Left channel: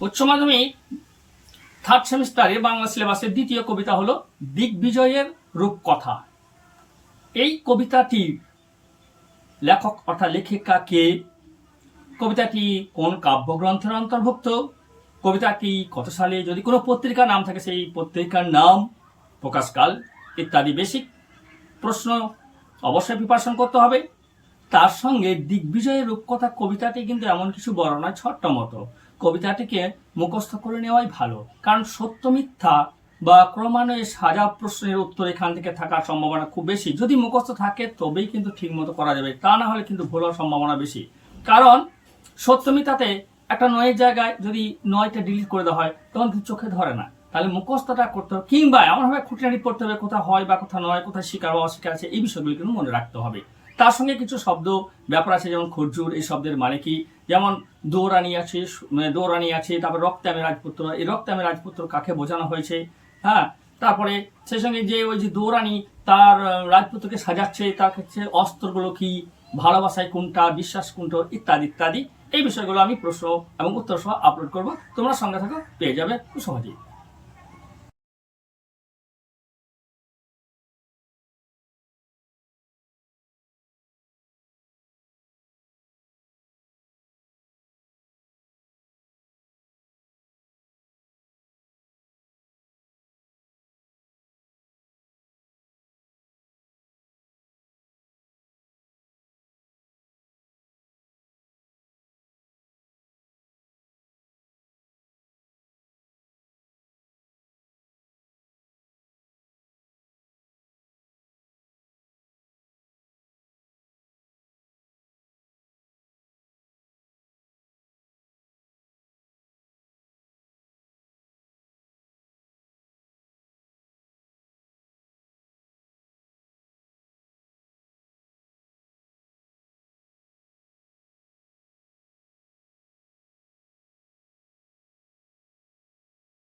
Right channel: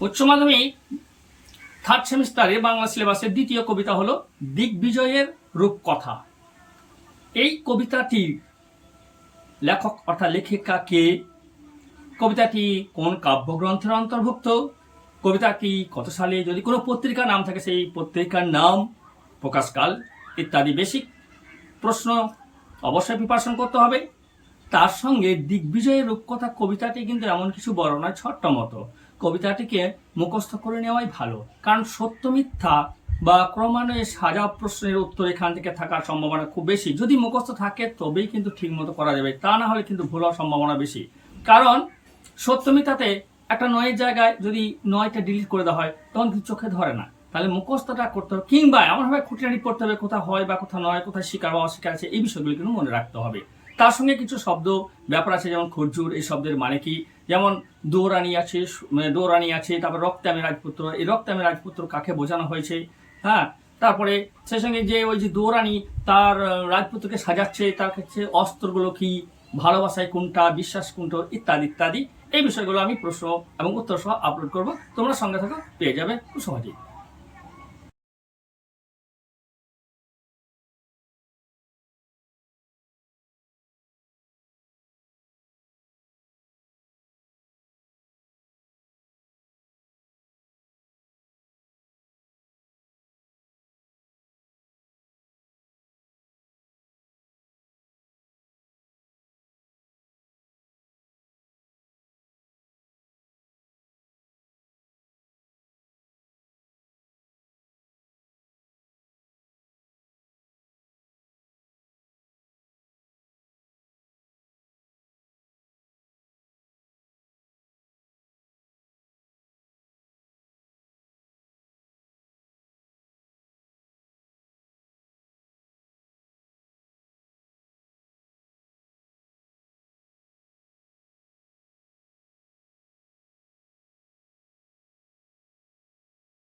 উচ্চ মাধ্যমিক থার্ড সেমিস্টারে বাংলা সিলেবাসের দ্বিতীয় কবিতা হলো দিগ্বিজয়ের রূপকথা। এই কবিতাটির লেখক অর্থাৎ লেখিকা কে, কবিতাটি কোন কাব্যগ্রন্থের অন্তর্ভুক্ত, কবিতাটি কত সালে, যদি কোনো পত্রিকার নাম থাকে সেই পত্রিকার নাম, প্রকাশকাল ইত্যাদি বেসিক প্রশ্ন অবশ্যই প্রিপারেশন করতে হবে। তার সঙ্গে দিগ্বিজয়ের রূপকথা কবিতাটি কিন্তু এমন কিছু বড় নয়, ছোট্ট মতো। কবিতাটিকে মুখস্থ করে নেওয়াই ভালো, কারণ সত্য মিথ্যা বা ক্রমান্বয়ে সাজা প্রশ্নের উত্তর এখান থেকে থাকার সম্ভাবনা খুব বেশি। যদি মুখস্থ থাকে তবেই কিন্তু ঠিক মতো করা যাবে, তা না হলে কিন্তু ভুল হওয়ার সম্ভাবনা বেশি। কারণ সত্য মিথ্যাতে একটা নয়ের জায়গায় যদি নয়টা ডিলিট করে দেওয়া হয় তখন কিন্তু চোখে ধরে না, তাহলে মুখস্থটা করতে হবে, কিংবা এমনভাবে খুঁটিনাটি পড়তে হবে কোথায় হয় বা কোথায় নয়, কোথায় স্বীকার বা অস্বীকার আছে, এই বিষয়গুলো কিন্তু মনে রাখতে হবে। তার সঙ্গে কিছু শব্দ ব্যাপার আছে, যেমন খরজুর, এই শব্দের মানে কি, যেমন দৌরানি আছে, দৌরানি আছে, তারপর রক্তে আমি রাজপুত্র, এই রক্তে আমি রাজপুত্র কাকে বোঝানো হয়েছে, হ্যাঁ। তারপরে সেই সঙ্গে যে ওই যে দৌরানি তার রাজপুত্রকে সাজাচ্ছে, তার কাছে অস্ত্রগুলো কি, ভালোবাসায় কোনটা, বিশ্বাস কোনটা, ইত্যাদি ইত্যাদি। এই বিষয়গুলো আমি প্রশ্ন এবং উত্তর সহ আপলোড করব, তোমরা সঙ্গে থাকো, পেয়ে যাবে খুব সহজেই।